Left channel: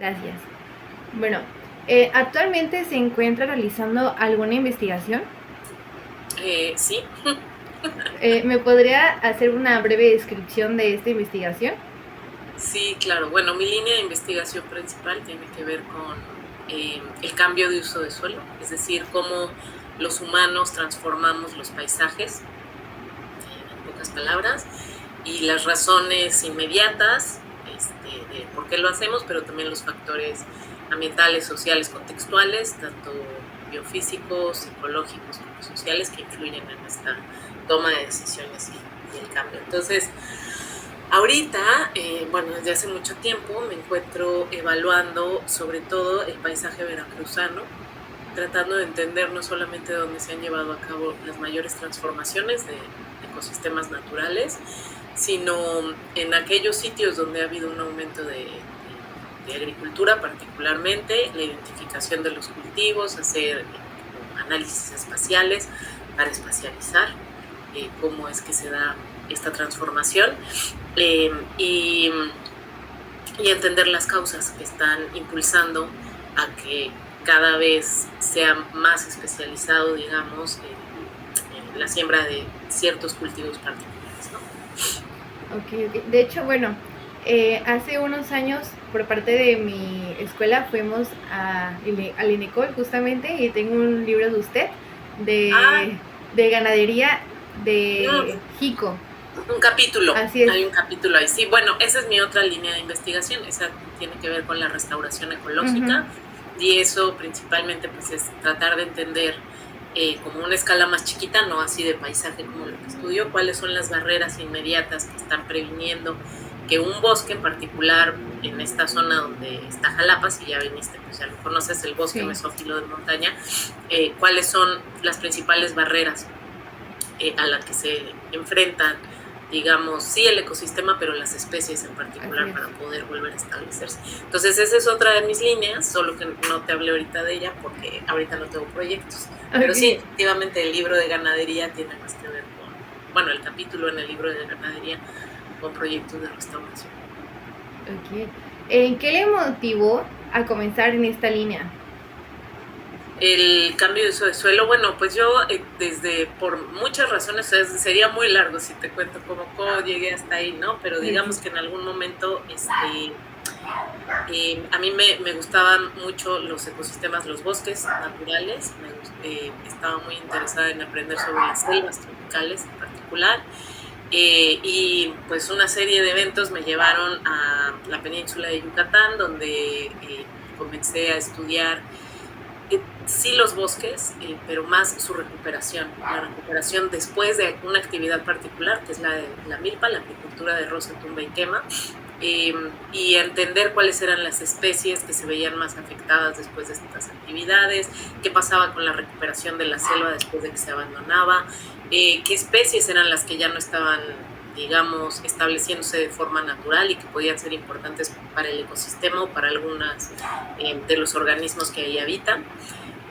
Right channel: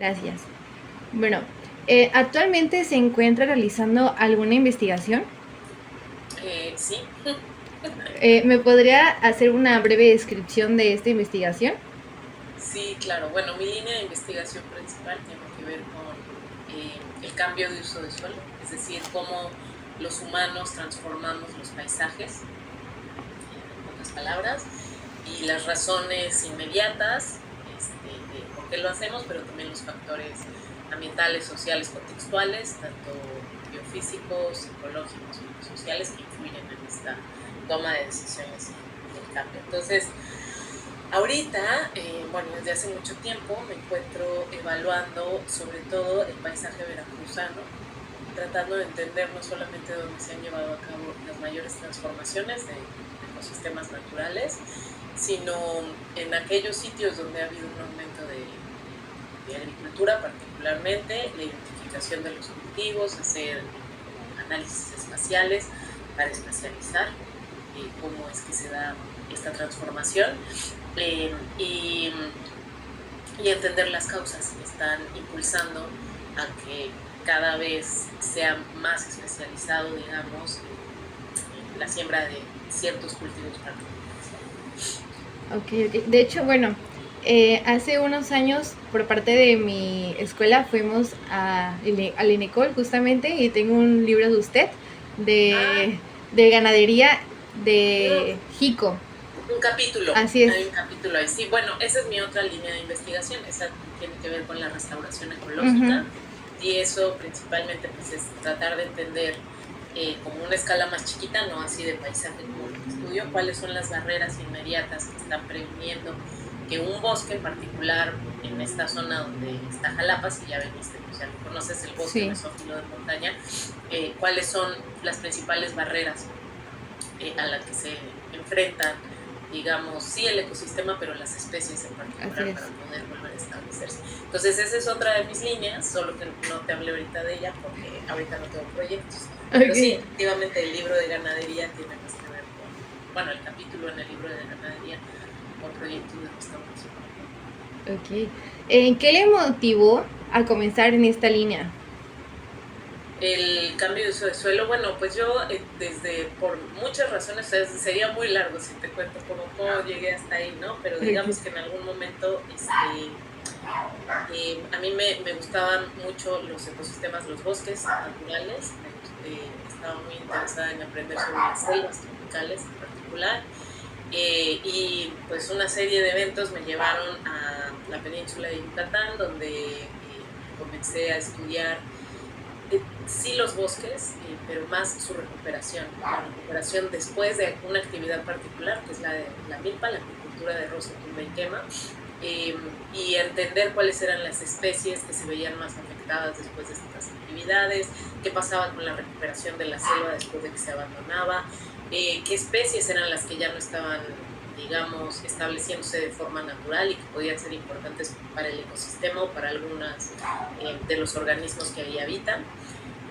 Gracias. Bueno, ¿actualmente se encuentra realizando alguna investigación? Sí, ¿Me podría hacer una breve descripción de esta investigación? sí, claro. Bueno, mi línea de investigación principal tiene que ver con el cambio de uso de suelo, es decir, cómo los humanos transformamos los paisajes, en pocas palabras, y las razones inmediatas de por qué lo hacemos, pero también los factores ambientales, sociales, contextuales, tanto biofísicos, psicológicos como sociales, que influyen en esta toma de decisiones y el cambio. Entonces, ahorita, bueno, desde hace mucho tiempo me encuentro evaluando sobre todo el paisaje veracruzano, tratando de entender no solamente dónde se han llevado a cabo las mayores transformaciones de ecosistemas naturales, sino en aquellos sitios donde ha habido un aumento de agricultura, particularmente la identificación de los cultivos, hacer como análisis espaciales para espacializar cómo es que se da esta transformación eh, y, y entender las causas que están impulsando a que cada vez sea más especializado, digamos, en la siembra de ciertos cultivos particulares, ¿no? Ok, ok. De hecho, bueno, hace unos años por parte de mi escuela fuimos al INECOL justamente y tengo un libro de usted Ah, de ganadería de mm, Jico. un capítulo, Así es. hay un capítulo ahí. Sí, bueno, esa es mi otra línea de investigación, esa tiene que ver con la restauración Ujú. ecológica y eso principalmente pues es tratar de entender como una escala más chiquita, no así de paisaje como lo que estudio, cuáles son las barreras inmediatas que están previniendo que un bosque en particular en esta zona donde está Jalapa, si ya viniste, pues ya lo conoces, el bosque Sí, mesófilo de montaña, cuáles son las principales barreras a la que se enfrentan, digamos, sí el ecosistema, pero las especies en así particular es. para poder volver a establecerse. Entonces, esa es otra de mis líneas, solo que no te hablé ahorita de ella porque ahorita no tengo proyectos. Pero sí, Ok, efectivamente, el libro de ganadería tiene más que ver con, bueno, el capítulo en el libro de ganadería con proyectos de restauración. ok. ¿Qué le motivó a comenzar en esta línea? El cambio de uso de suelo, bueno, pues yo desde, por muchas razones, sería muy largo si te cuento cómo llegué hasta ahí, ¿no? Pero Ok, digamos que en algún momento a mí me gustaban mucho los ecosistemas, los bosques naturales, estaba muy interesada en aprender sobre las selvas tropicales en particular, y pues una serie de eventos me llevaron a la península de Yucatán, donde comencé a estudiar sí los bosques, pero más su recuperación, la recuperación después de una actividad particular, que es la de la milpa, la apicultura de roza, tumba y quema, eh, y entender cuáles eran las especies que se veían más afectadas después de estas actividades, qué pasaba con la recuperación de la selva después de que se abandonaba, qué especies eran las que ya no estaban, digamos, estableciéndose de forma natural y que podían ser importantes para el ecosistema o para algunas de los organismos que ahí habitan.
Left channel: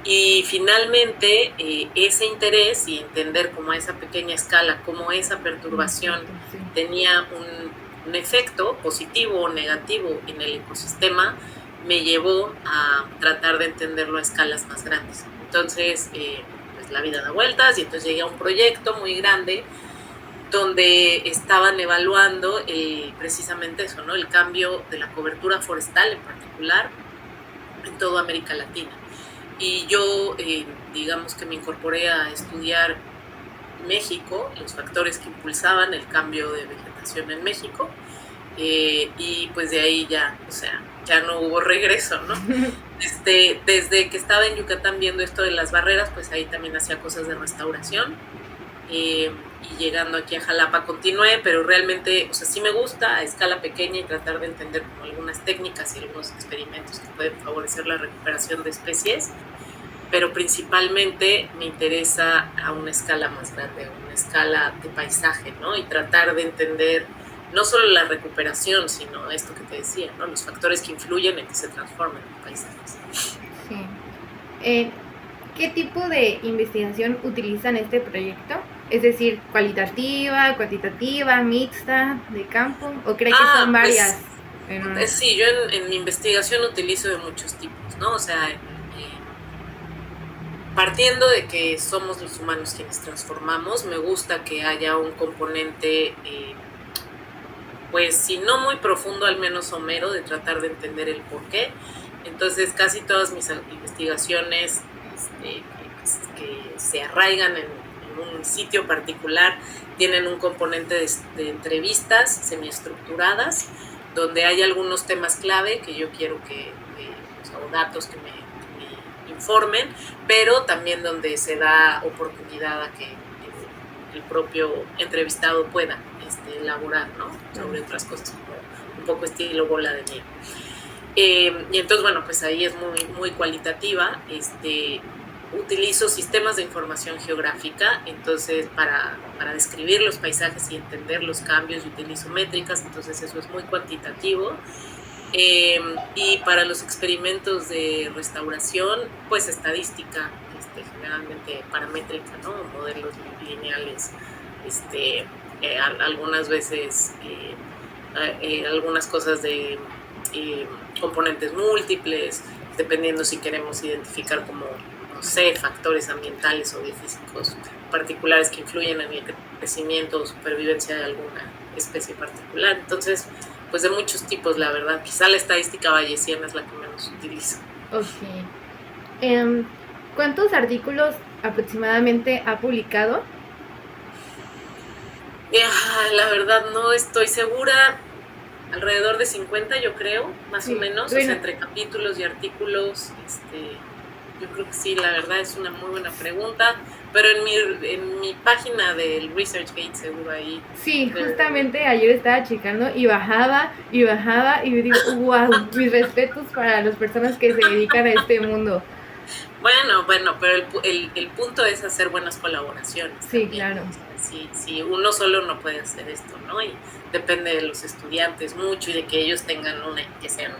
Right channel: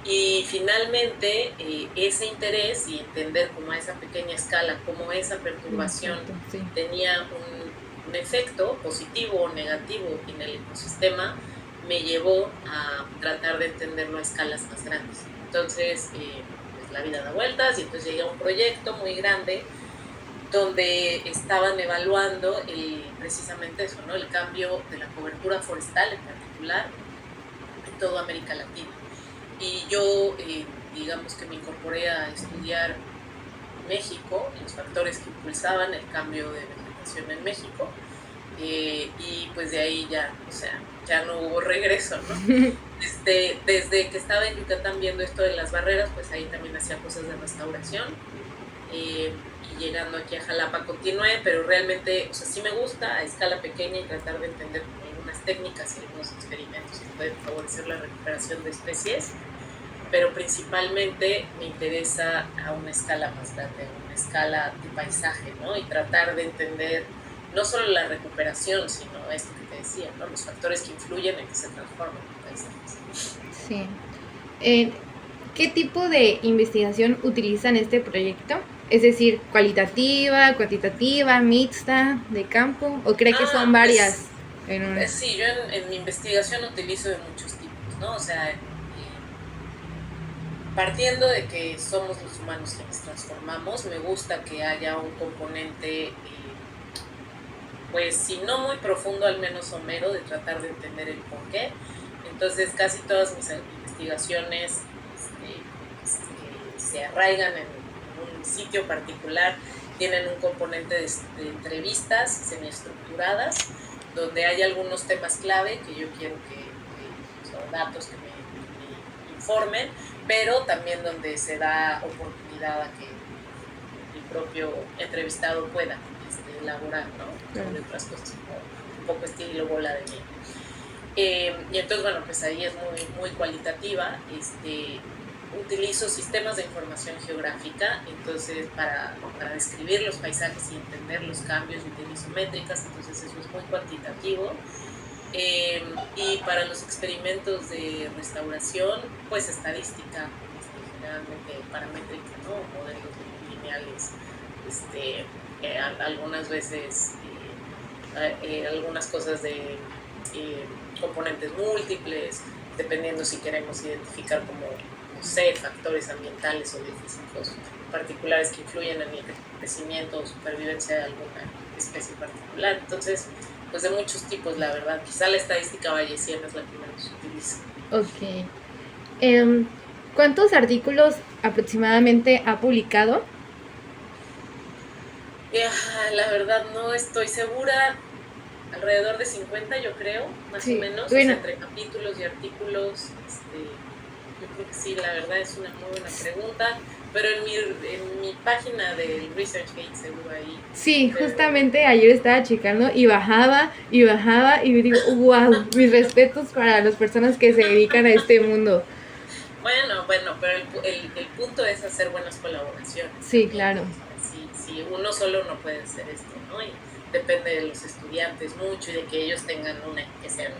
Y finalmente, ese interés y entender cómo a esa pequeña escala, cómo esa un perturbación efecto, sí. tenía un efecto positivo o negativo en el ecosistema, me llevó a tratar de entenderlo a escalas más grandes. Entonces, pues la vida da vueltas y entonces llegué a un proyecto muy grande donde estaban evaluando precisamente eso, ¿no? El cambio de la cobertura forestal en particular en toda América Latina. Y yo, digamos que me incorporé a estudiar México, los factores que impulsaban el cambio de vegetación en México, y pues de ahí ya, o sea, ya no hubo regreso, ¿no? Desde que estaba en Yucatán viendo esto de las barreras, pues ahí también hacía cosas de restauración, y llegando aquí a Jalapa continué, pero realmente, o sea, sí me gusta a escala pequeña y tratar de entender como algunas técnicas y algunos experimentos que pueden favorecer la recuperación de especies, pero principalmente me interesa a una escala más grande, a una escala de paisaje, ¿no? Y tratar de entender no solo la recuperación, sino esto que te decía, ¿no? Los factores que influyen en que se transformen los paisajes. Sí. Eh, ¿Qué tipo de investigación utilizan este proyecto? Es decir, cualitativa, cuantitativa, mixta, de campo, ¿o cree que son Pues varias? Sí, yo en mi investigación utilizo de muchos tipos, ¿no? O sea, partiendo de que somos los humanos quienes transformamos, me gusta que haya un componente, pues si no muy profundo, al menos somero, de tratar de entender el por qué. Entonces, casi todas mis investigaciones que se arraigan en un sitio particular tienen un componente de entrevistas semiestructuradas, donde hay algunos temas clave que yo quiero o datos que me informen, pero también donde se da oportunidad a que el propio entrevistado pueda elaborar, ¿no? Sobre otras cosas, como un poco estilo bola de nieve. Y entonces, bueno, pues ahí es muy cualitativa. Utilizo sistemas de información geográfica, entonces para describir los paisajes y entender los cambios, utilizo métricas, entonces eso es muy cuantitativo. Y para los experimentos de restauración, pues estadística, generalmente paramétrica, ¿no? Modelos lineales, algunas veces algunas cosas de componentes múltiples, dependiendo si queremos identificar como, no sé, factores ambientales o físicos particulares que influyen en el crecimiento o supervivencia de alguna especie particular. Entonces, pues de muchos tipos, la verdad. Quizá la estadística bayesiana es la que menos utilizo. Ok. ¿Cuántos artículos aproximadamente ha publicado? La verdad no estoy segura. Alrededor de 50, yo creo, más o menos. Bueno. O sea, entre capítulos y artículos. Yo creo que sí, la verdad es una muy buena pregunta. Pero en mi página del ResearchGate seguro ahí. Sí, justamente ayer estaba checando y bajaba y digo, wow, mis respetos para las personas que se dedican a este mundo. Bueno, pero el punto es hacer buenas colaboraciones. Sí, también. Claro. Sí, uno solo no puede hacer esto, ¿no? Y depende de los estudiantes mucho y de que ellos tengan que sean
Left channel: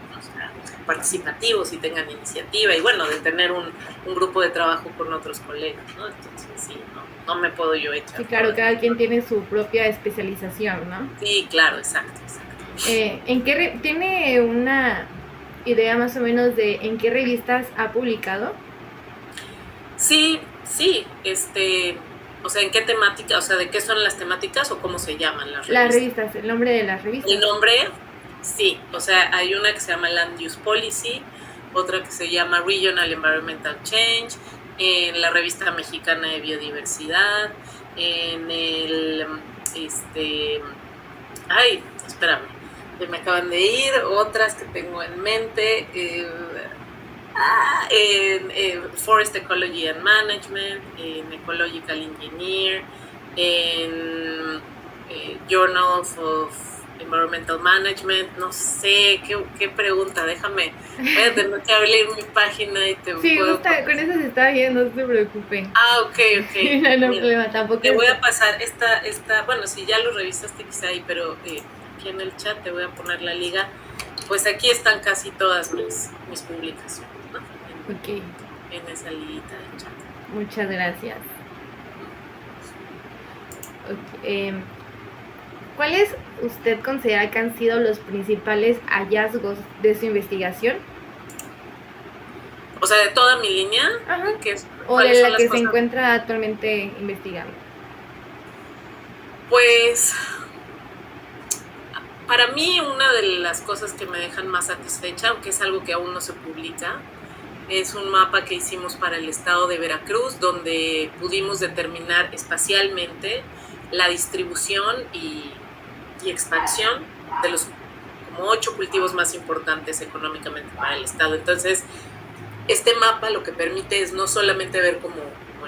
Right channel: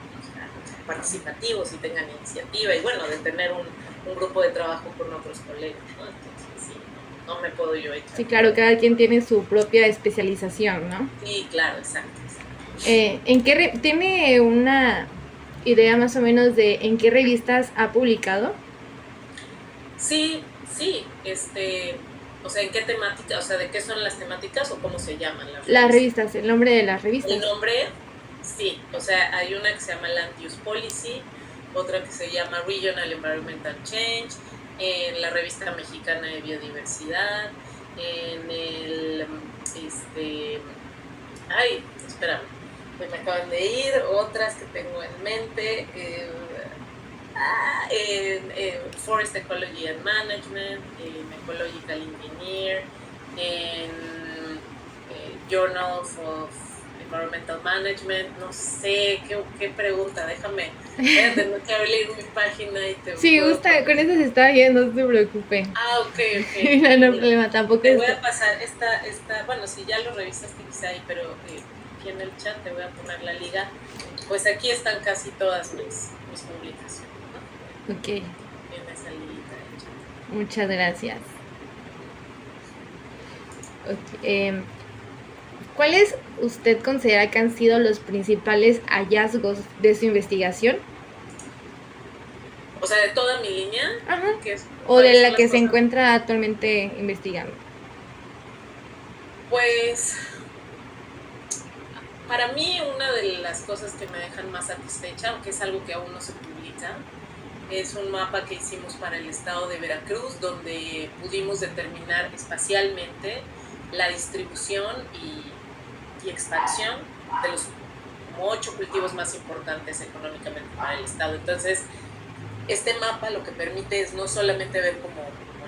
participativos y tengan iniciativa y bueno, de tener un grupo de trabajo con otros colegas, ¿no? Entonces sí, no me puedo yo echar. Sí, claro, cada quien tiene su propia especialización, ¿no? Sí, claro, exacto. ¿Tiene una idea más o menos de en qué revistas ha publicado? Sí, o sea, ¿en qué temática? O sea, ¿de qué son las temáticas o cómo se llaman las revistas? Las revistas, el nombre de las revistas. El nombre, sí, o sea, hay una que se llama Land Use Policy, otra que se llama Regional Environmental Change, en la revista mexicana de biodiversidad, en el, espérame, me acaban de ir, otras que tengo en mente, en Forest Ecology and Management, en Ecological Engineer, en Journal of Environmental Management, no sé, qué pregunta, déjame, voy a tener que abrir mi página y te sí, puedo... con eso se está bien, no se preocupe. Ok. No hay problema, tampoco. Te voy a pasar esta, bueno, si ya lo revisaste quizá ahí, pero aquí en el chat te voy a poner la liga, pues aquí están casi todas mis publicaciones. Ok. En esa liguita de chat. Muchas gracias. Okay. ¿Cuáles usted considera que han sido los principales hallazgos de su investigación? O sea, de toda mi línea. Ajá. O de la que se encuentra actualmente investigando. Pues, para mí una de las cosas que me dejan más satisfecha, aunque es algo que aún no se publica, es un mapa que hicimos para el estado de Veracruz, donde pudimos determinar espacialmente la distribución y expansión de los como 8 cultivos más importantes económicamente para el estado. Entonces, este mapa lo que permite es no solamente ver como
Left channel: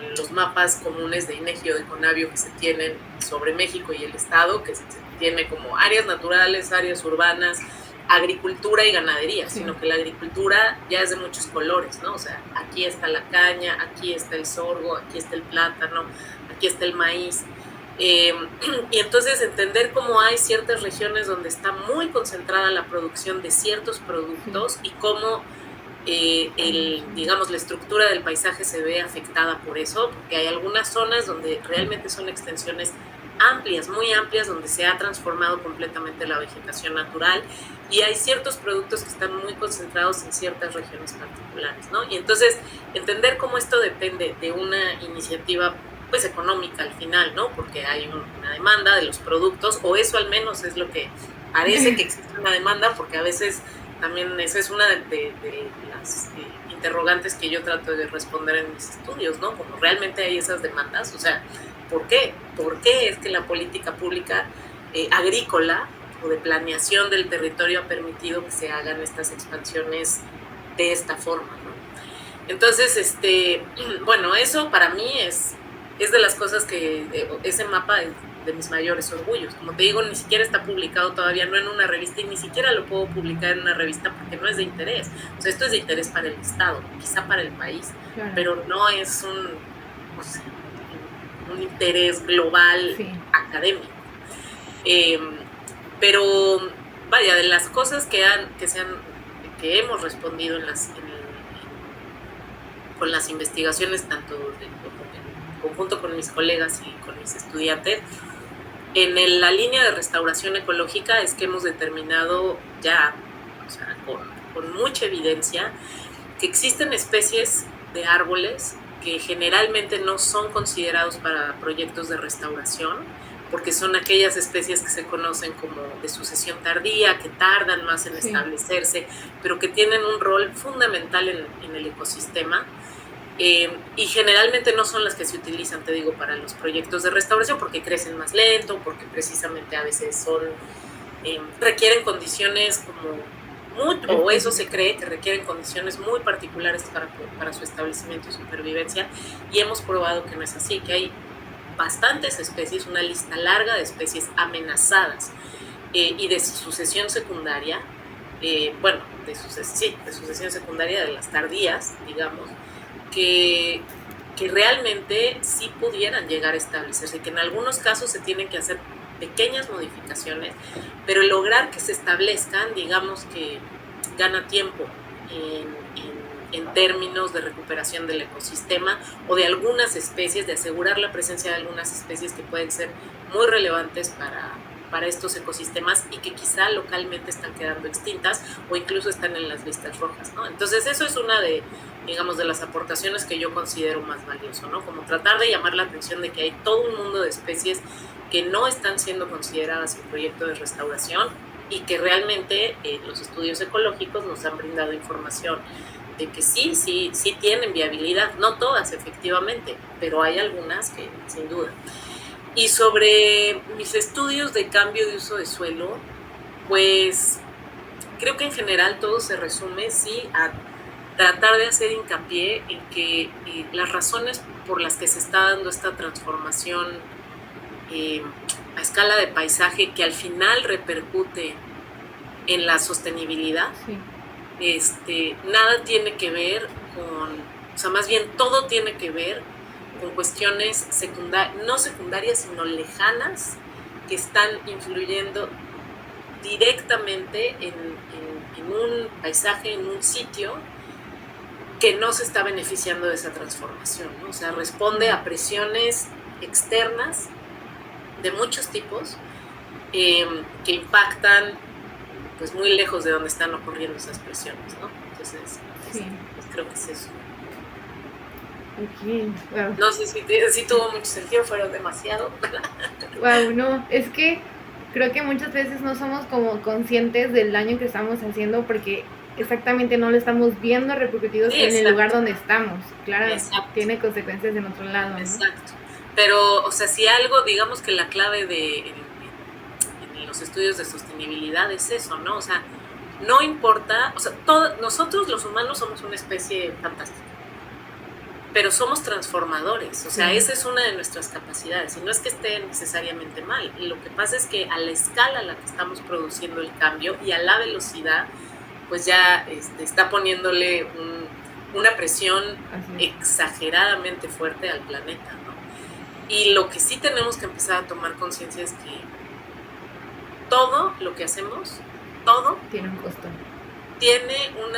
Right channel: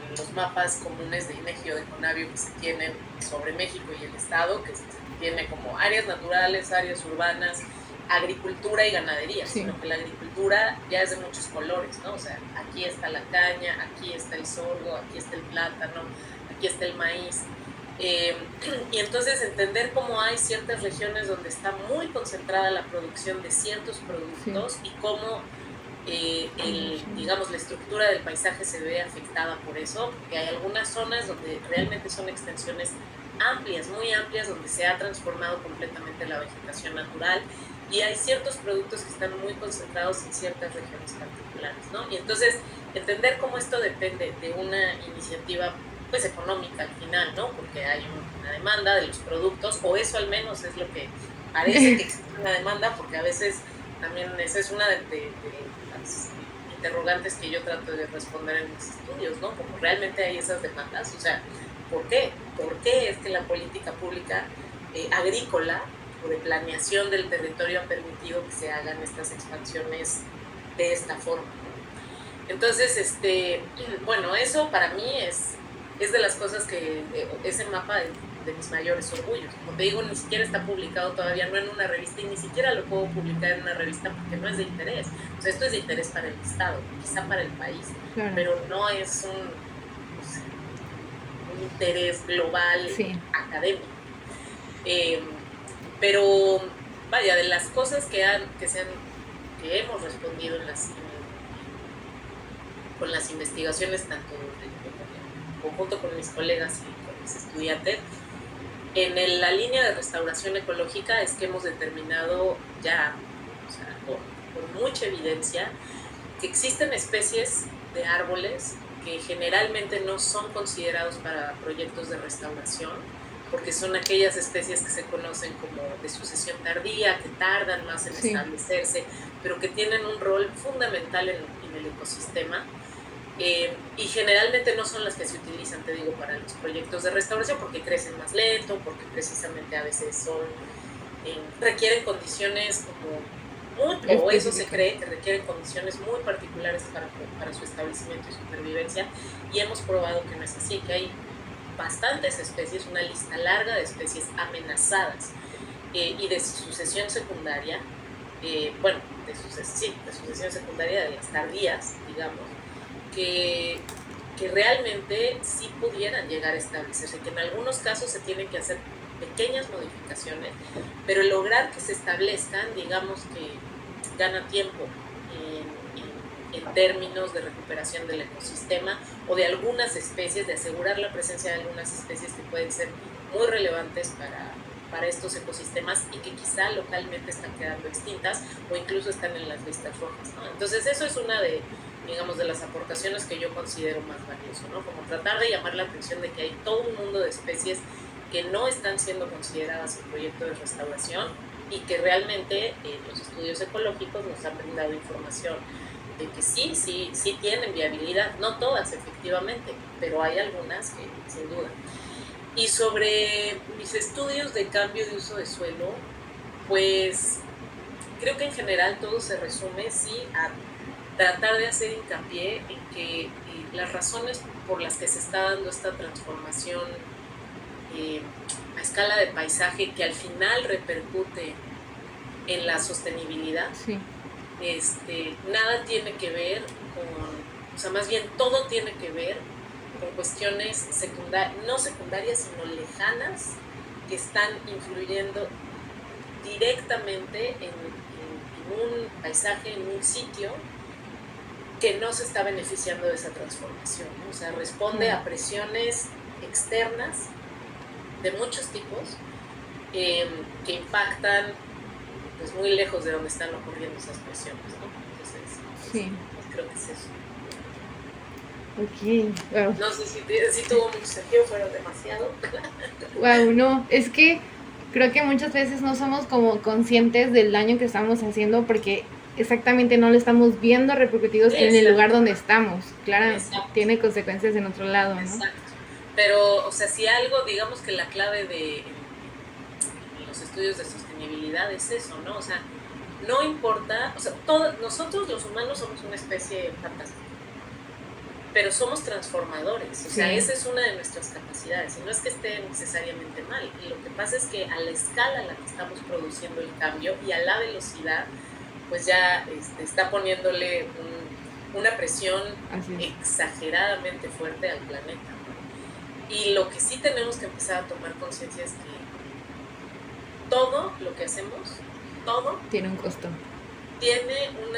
en los mapas comunes de INEGI o de CONAVIO que se tienen sobre México y el estado, que se tiene como áreas naturales, áreas urbanas, agricultura y ganadería, sí, sino que la agricultura ya es de muchos colores, ¿no? O sea, aquí está la caña, aquí está el sorgo, aquí está el plátano, aquí está el maíz. Y entonces entender cómo hay ciertas regiones donde está muy concentrada la producción de ciertos productos, sí, y cómo digamos, la estructura del paisaje se ve afectada por eso, porque hay algunas zonas donde realmente son extensiones amplias, muy amplias, donde se ha transformado completamente la vegetación natural y hay ciertos productos que están muy concentrados en ciertas regiones particulares, ¿no? Y entonces entender cómo esto depende de una iniciativa pues económica al final, ¿no? Porque hay una demanda de los productos, o eso al menos es lo que parece que existe una demanda, porque a veces también esa es una de las interrogantes que yo trato de responder en mis estudios, ¿no? Como realmente hay esas demandas, o sea, ¿por qué? ¿Por qué es que la política pública agrícola o de planeación del territorio ha permitido que se hagan estas expansiones de esta forma, ¿no? Entonces, bueno, eso para mí es de las cosas que, ese mapa es de mis mayores orgullos. Como te digo, ni siquiera está publicado todavía, no en una revista, y ni siquiera lo puedo publicar en una revista porque no es de interés. O sea, esto es de interés para el Estado, quizá para el país, Claro. pero no es un interés global Sí. académico. Pero vaya, de las cosas que hemos respondido con las investigaciones, tanto en conjunto con mis colegas y con mis estudiantes, en la línea de restauración ecológica es que hemos determinado ya, o sea, con mucha evidencia, que existen especies de árboles que generalmente no son considerados para proyectos de restauración, porque son aquellas especies que se conocen como de sucesión tardía, que tardan más en establecerse, pero que tienen un rol fundamental en el ecosistema. Y generalmente no son las que se utilizan, te digo, para los proyectos de restauración, porque crecen más lento, porque precisamente a veces requieren condiciones o eso se cree, que requieren condiciones muy particulares para su establecimiento y supervivencia, y hemos probado que no es así, que hay bastantes especies, una lista larga de especies amenazadas y de sucesión secundaria, de sucesión secundaria de las tardías, digamos, que realmente sí pudieran llegar a establecerse, que en algunos casos se tienen que hacer pequeñas modificaciones, pero lograr que se establezcan, digamos que gana tiempo en términos de recuperación del ecosistema o de algunas especies, de asegurar la presencia de algunas especies que pueden ser muy relevantes para estos ecosistemas y que quizá localmente están quedando extintas o incluso están en las listas rojas, ¿no? Entonces eso es una de las aportaciones que yo considero más valioso, ¿no? Como tratar de llamar la atención de que hay todo un mundo de especies que no están siendo consideradas en proyectos de restauración y que realmente los estudios ecológicos nos han brindado información de que sí tienen viabilidad, no todas efectivamente, pero hay algunas que sin duda. Y sobre mis estudios de cambio de uso de suelo, pues creo que en general todo se resume a tratar de hacer hincapié en que las razones por las que se está dando esta transformación a escala de paisaje, que al final repercute en la sostenibilidad, nada tiene que ver más bien todo tiene que ver con cuestiones no secundarias, sino lejanas, que están influyendo directamente en un paisaje, en un sitio que no se está beneficiando de esa transformación, ¿no? O sea, responde a presiones externas de muchos tipos que impactan pues muy lejos de donde están ocurriendo esas presiones, ¿no? Entonces, pues creo que es eso. Okay, wow. No sé si tuvo mucho sentido, fueron demasiado. Wow, no, es que creo que muchas veces no somos como conscientes del daño que estamos haciendo porque exactamente no lo estamos viendo repercutidos en el lugar donde estamos. Claro, tiene consecuencias en otro lado, ¿no? Exacto. Pero, o sea, si algo, digamos que la clave en los estudios de sostenibilidad es eso, ¿no? O sea, no importa, o sea, nosotros los humanos somos una especie fantástica, pero somos transformadores, o sea, esa es una de nuestras capacidades, y no es que esté necesariamente mal, y lo que pasa es que a la escala a la que estamos produciendo el cambio y a la velocidad, pues ya está poniéndole una presión exageradamente fuerte al planeta, ¿no? Y lo que sí tenemos que empezar a tomar conciencia es que todo lo que hacemos, todo tiene un costo. Tiene un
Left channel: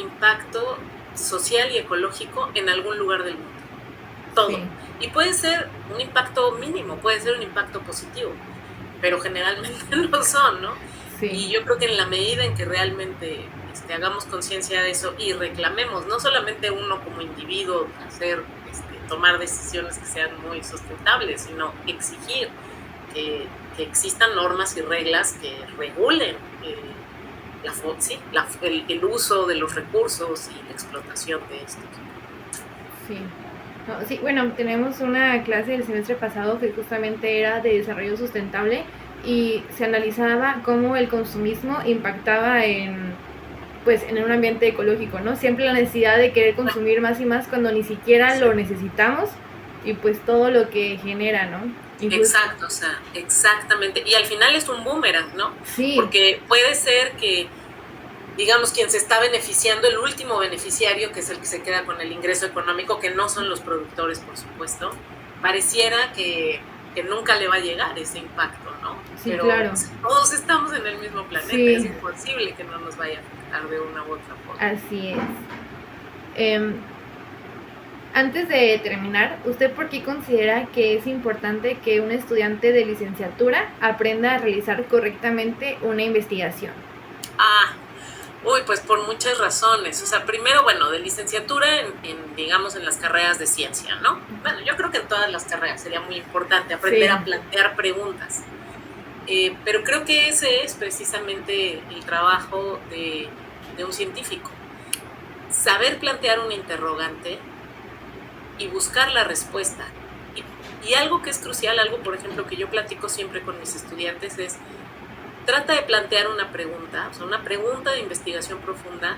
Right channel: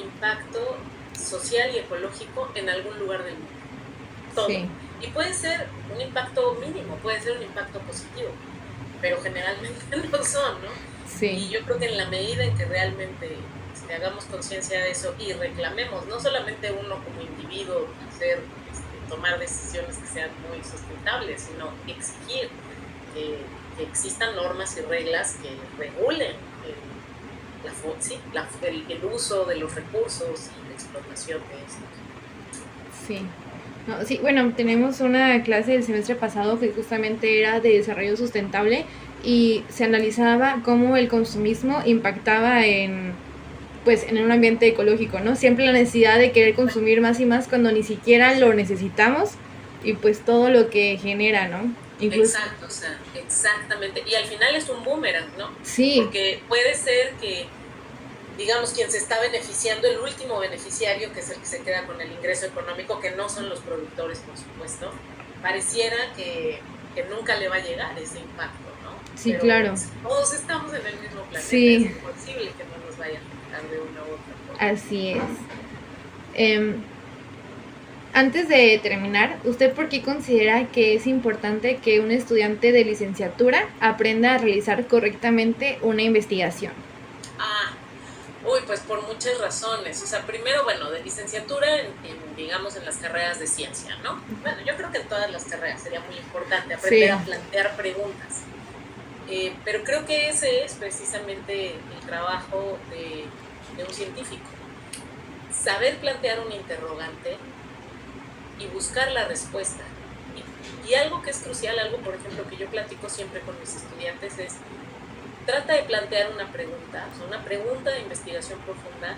impacto social y ecológico en algún lugar del mundo. Todo. Y puede ser un impacto mínimo, puede ser un impacto positivo, pero generalmente no son, ¿no? Sí, Y yo creo que en la medida en que realmente hagamos conciencia de eso y reclamemos, no solamente uno como individuo tomar decisiones que sean muy sustentables, sino exigir que existan normas y reglas que regulen el uso de los recursos y la explotación de estos. sí. No, sí, bueno, tenemos una clase del semestre pasado que justamente era de desarrollo sustentable y se analizaba cómo el consumismo impactaba en, pues, en un ambiente ecológico, ¿no? Siempre la necesidad de querer consumir más y más cuando ni siquiera lo necesitamos y pues todo lo que genera, ¿no? Incluso, Exacto, o sea, exactamente. Y al final es un boomerang, ¿no? sí, Porque puede ser que, digamos, quien se está beneficiando, el último beneficiario, que es el que se queda con el ingreso económico, que no son los productores, por supuesto, pareciera que nunca le va a llegar ese impacto, ¿no? sí, Pero claro, todos estamos en el mismo planeta, es sí, imposible que no nos vaya a afectar de una u otra forma. así es. Em, Antes de terminar, ¿usted por qué considera que es importante que un estudiante de licenciatura aprenda a realizar correctamente una investigación? Ah, uy, pues por muchas razones. O sea, primero, bueno, de licenciatura digamos, en las carreras de ciencia, ¿no? Bueno, yo creo que en todas las carreras sería muy importante aprender Sí. a plantear preguntas. Pero creo que ese es precisamente el trabajo de un científico. Saber plantear un interrogante y buscar la respuesta. Y algo que es crucial, algo, por ejemplo, que yo platico siempre con mis estudiantes es, trata de plantear una pregunta, o sea, una pregunta de investigación profunda.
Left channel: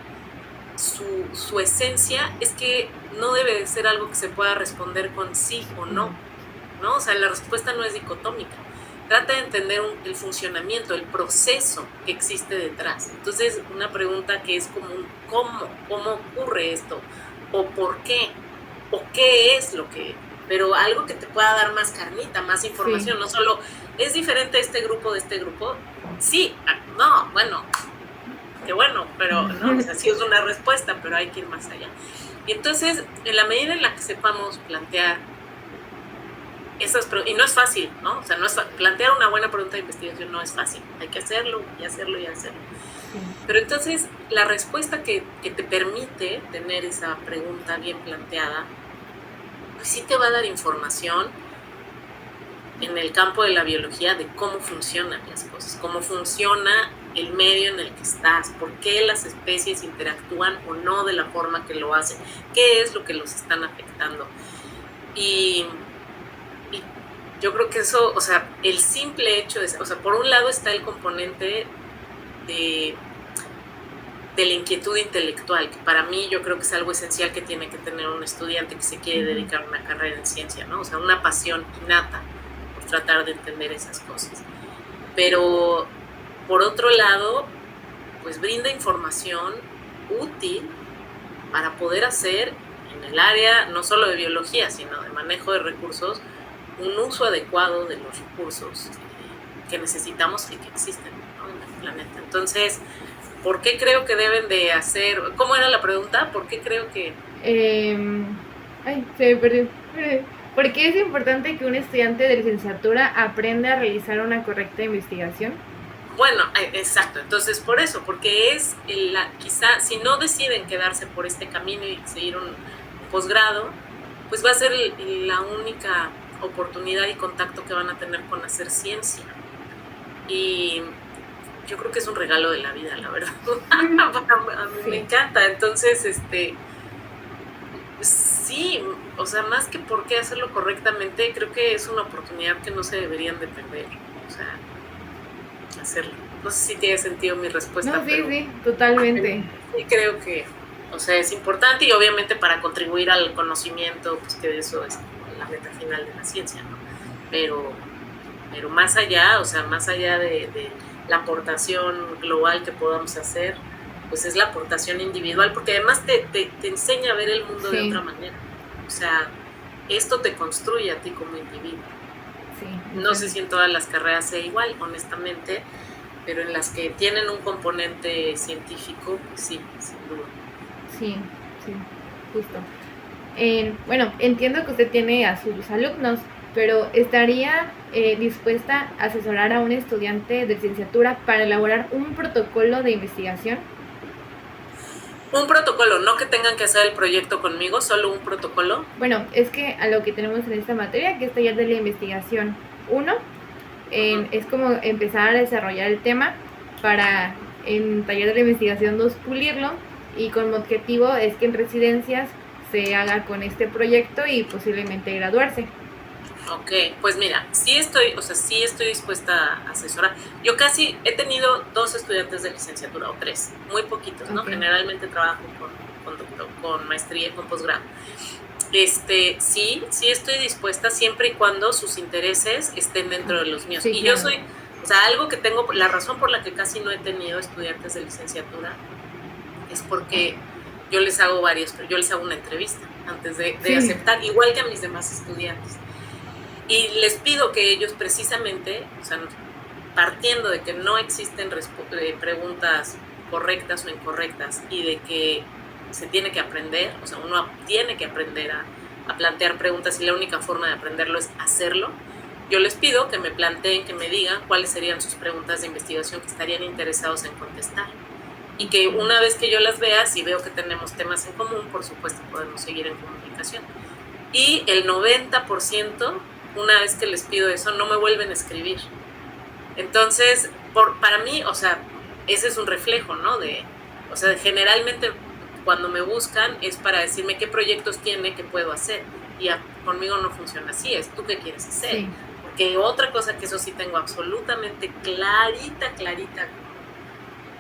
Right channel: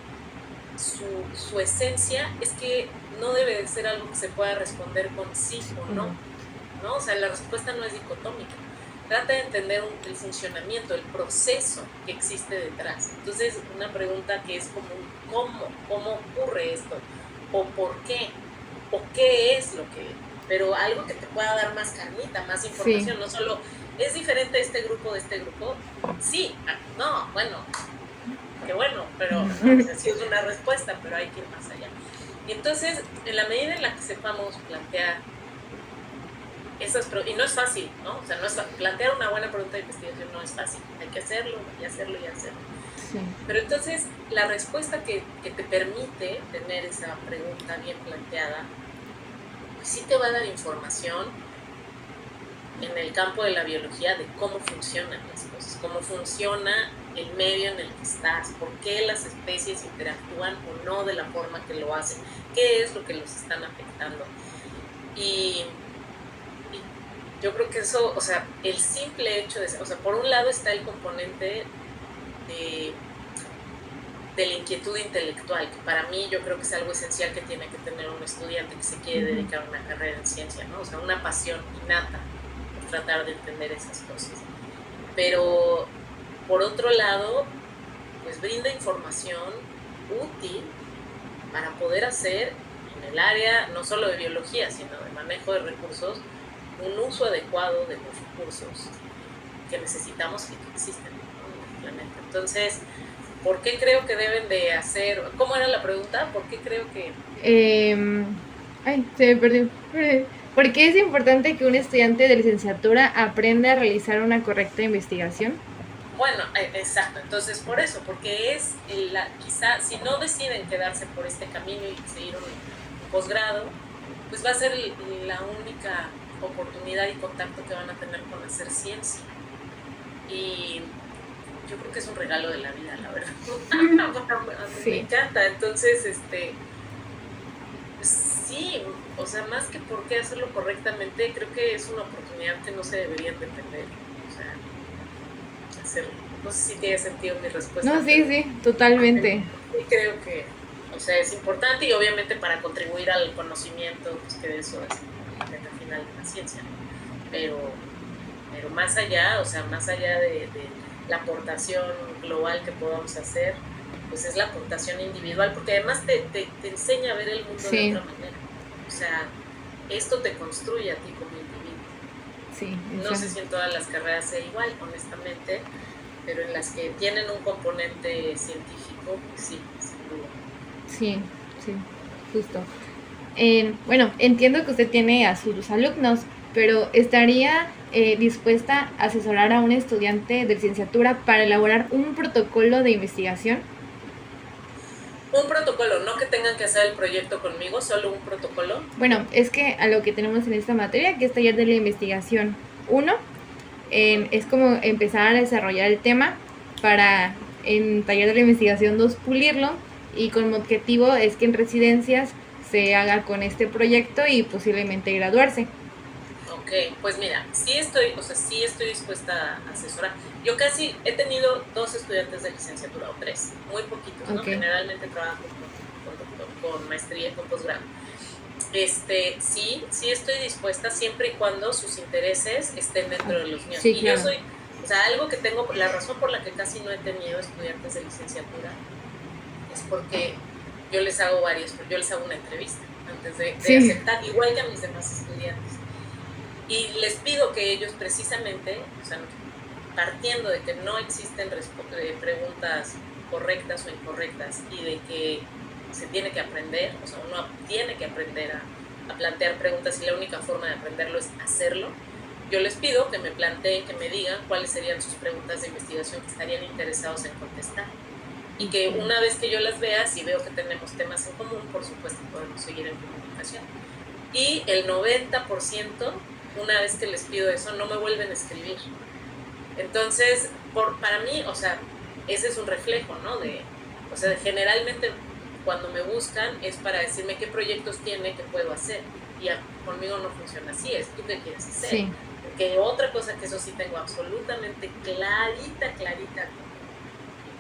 Su esencia es que no debe de ser algo que se pueda responder con sí o no, ¿no? O sea, la respuesta no es dicotómica. Trata de entender el funcionamiento, el proceso que existe detrás. Entonces, una pregunta que es como un ¿cómo ocurre esto? ¿O por qué? ¿O qué es lo que? Pero algo que te pueda dar más carnita, más información, Sí. no solo ¿es diferente este grupo de este grupo? Sí, no, bueno, qué bueno, pero no, o sea, sí es una respuesta, pero hay que ir más allá. Y entonces, en la medida en la que sepamos plantear y no es fácil, ¿no? O sea, plantear una buena pregunta de investigación no es fácil, hay que hacerlo y hacerlo y hacerlo. Sí. Pero entonces, la respuesta que te permite tener esa pregunta bien planteada, pues sí te va a dar información en el campo de la biología de cómo funcionan las cosas, cómo funciona el medio en el que estás, por qué las especies interactúan o no de la forma que lo hacen, qué es lo que los están afectando. Y yo creo que eso, o sea, el simple hecho de, o sea, por un lado está el componente de la inquietud intelectual, que para mí yo creo que es algo esencial que tiene que tener un estudiante que se quiere dedicar a una carrera en ciencia, ¿no? O sea, una pasión innata por tratar de entender esas cosas. Pero, por otro lado, pues brinda información útil para poder hacer en el área no solo de biología, sino de manejo de recursos, un uso adecuado de los recursos que necesitamos y que existen, ¿no?, en el planeta. Entonces, ¿por qué creo que deben de hacer? ¿Cómo era la pregunta? ¿Por qué creo que...? Ay, se me perdió. ¿Por qué es importante que un estudiante de licenciatura aprenda a realizar una correcta investigación? Bueno, exacto. Entonces, por eso, porque es quizá, si no deciden quedarse por este camino y seguir un posgrado, pues va a ser la única oportunidad y contacto que van a tener con hacer ciencia. Y yo creo que es un regalo de la vida, la verdad. A mí Sí. me encanta. Entonces, sí, o sea, más que por qué hacerlo correctamente, creo que es una oportunidad que no se deberían de perder. O sea, hacerlo. No sé si tiene sentido mi respuesta. No, sí, Pero sí, totalmente. sí creo que, o sea, es importante y obviamente para contribuir al conocimiento, pues que eso es la meta final de la ciencia, ¿no? Pero más allá, o sea, más allá de la aportación global que podamos hacer, pues es la aportación individual, porque además te enseña a ver el mundo de otra manera. O sea, esto te construye a ti como individuo. Sí, no sé si en todas las carreras sea igual, honestamente, pero en las que tienen un componente científico, pues sí, sin duda. Sí, sí, justo. Bueno, entiendo que usted tiene a sus alumnos, pero ¿estaría dispuesta a asesorar a un estudiante de licenciatura para elaborar un protocolo de investigación? Un protocolo, no que tengan que hacer el proyecto conmigo, solo un protocolo. Bueno, es que a lo que tenemos en esta materia, que es taller de la investigación uno, Ujú. es como empezar a desarrollar el tema para en taller de la investigación 2 pulirlo, y con objetivo es que en residencias se haga con este proyecto y posiblemente graduarse. Ok, pues mira, sí estoy dispuesta a asesorar. Yo casi he tenido 2 estudiantes de licenciatura o 3, muy poquitos, ¿no? Ok. Generalmente trabajo con maestría y con posgrado. Sí estoy dispuesta siempre y cuando sus intereses estén dentro de los míos. Sí, Y yo claro. soy, o sea, algo que tengo, la razón por la que casi no he tenido estudiantes de licenciatura es porque yo les hago una entrevista antes de Sí. aceptar, igual que a mis demás estudiantes. Y les pido que ellos precisamente, o sea, partiendo de que no existen preguntas correctas o incorrectas y de que se tiene que aprender, o sea, uno tiene que aprender a plantear preguntas y la única forma de aprenderlo es hacerlo, yo les pido que me planteen, que me digan cuáles serían sus preguntas de investigación que estarían interesados en contestar. Y que una vez que yo las vea, si veo que tenemos temas en común, por supuesto podemos seguir en comunicación. Y el 90%, una vez que les pido eso, no me vuelven a escribir. Entonces, para mí, o sea, ese es un reflejo, ¿no? O sea, generalmente cuando me buscan es para decirme qué proyectos tiene, qué puedo hacer. Y conmigo no funciona así, es tú qué quieres hacer. Sí. Porque otra cosa que eso sí tengo absolutamente clarita,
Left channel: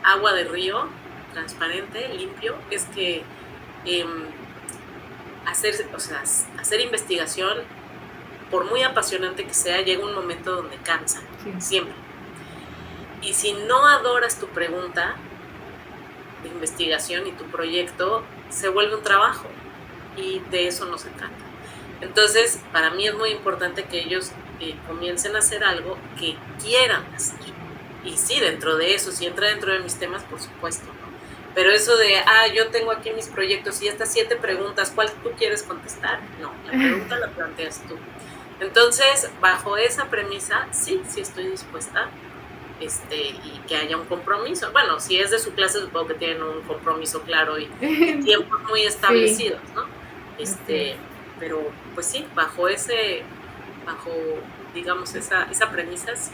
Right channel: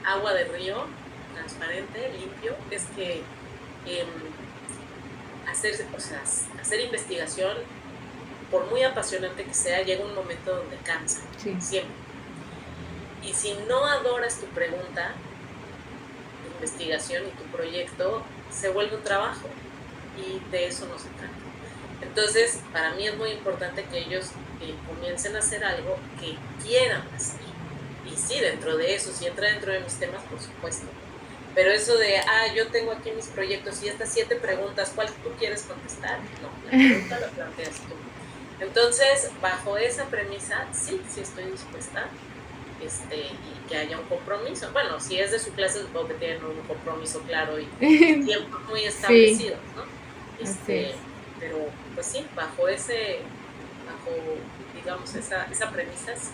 agua de río, transparente, limpio, es que hacer investigación, por muy apasionante que sea, llega un momento donde cansa, Sí. siempre. Y si no adoras tu pregunta de investigación y tu proyecto, se vuelve un trabajo y de eso no se trata. Entonces, para mí es muy importante que ellos comiencen a hacer algo que quieran hacer. Y sí, dentro de eso, si entra dentro de mis temas, por supuesto, ¿no? Pero eso de, yo tengo aquí mis proyectos y estas 7 preguntas, ¿cuál tú quieres contestar? No, la pregunta la planteas tú. Entonces, bajo esa premisa, sí estoy dispuesta, y que haya un compromiso. Bueno, si es de su clase, supongo que tienen un compromiso claro y tiempos muy Sí, establecidos, ¿no? así es. Pero, pues sí, bajo, digamos, esa premisa, sí.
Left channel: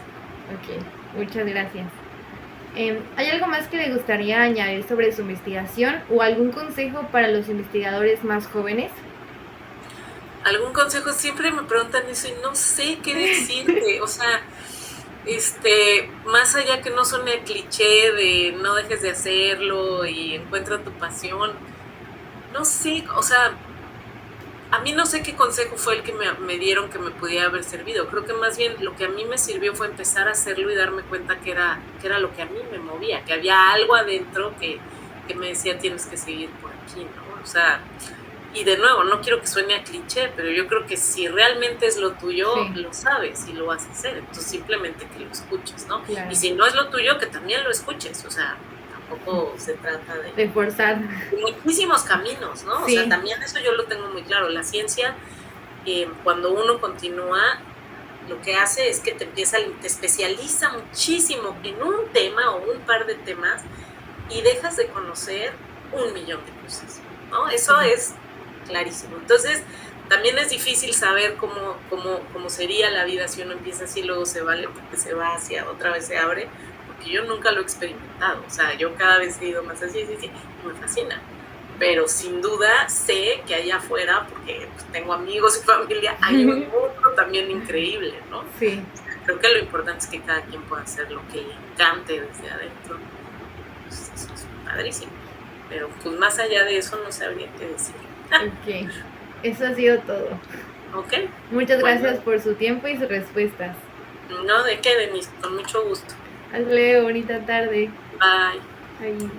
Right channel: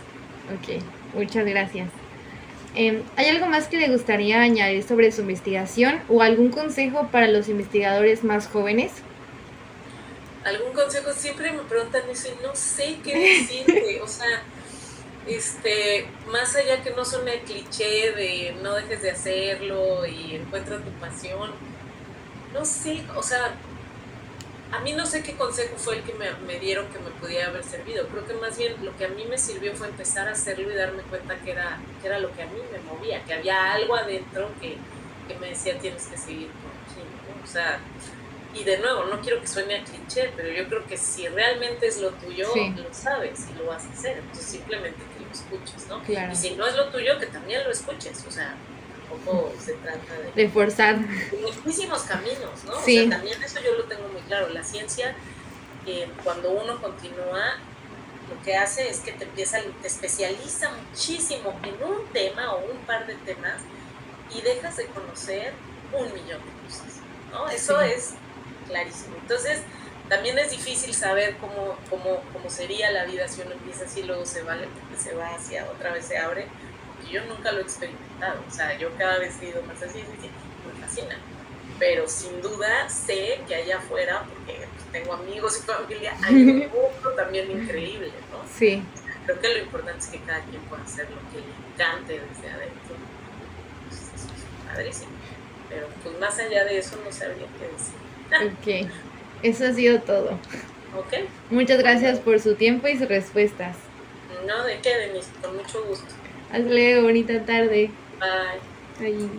Ok, muchas gracias. ¿Hay algo más que le gustaría añadir sobre su investigación o algún consejo para los investigadores más jóvenes? ¿Algún consejo? Siempre me preguntan eso y no sé qué decirte. O sea, más allá que no suene el cliché de no dejes de hacerlo y encuentra tu pasión, no sé, o sea, a mí no sé qué consejo fue el que me dieron que me pudiera haber servido. Creo que más bien lo que a mí me sirvió fue empezar a hacerlo y darme cuenta que era lo que a mí me movía, que había algo adentro que me decía tienes que seguir por aquí, ¿no? O sea, y de nuevo, no quiero que suene a cliché, pero yo creo que si realmente es lo tuyo, Sí, lo sabes y lo vas a hacer. Entonces simplemente que lo escuches, ¿no? claro. Y si no es lo tuyo, que también lo escuches. O sea, tampoco se trata De forzar. muchísimos caminos, ¿no? Sí. O sea, también eso yo lo tengo muy claro. La ciencia, cuando uno continúa, lo que hace es que te especializa muchísimo en un tema o un par de temas y dejas de conocer 1,000,000 de cosas, ¿no? Eso es clarísimo. Entonces, también es difícil saber cómo sería la vida si uno empieza así, luego se va hacia otra vez se abre, porque yo nunca lo he experimentado. O sea, yo cada vez he ido más así, me fascina. Pero sin duda sé que allá afuera, porque tengo amigos y familia, hay un mundo también increíble, ¿no? Sí. Creo que lo importante es que cada quien pueda hacer lo que le encante desde adentro. Pues eso es padrísimo. Pero pues más allá de eso no sabría qué decir. Ok, eso ha sido todo. ¿Ok? Muchas Bueno, gracias por su tiempo y sus respuestas. no, de qué, Denise, con mucho gusto. Hasta luego, bonita tarde. Bye. Bye.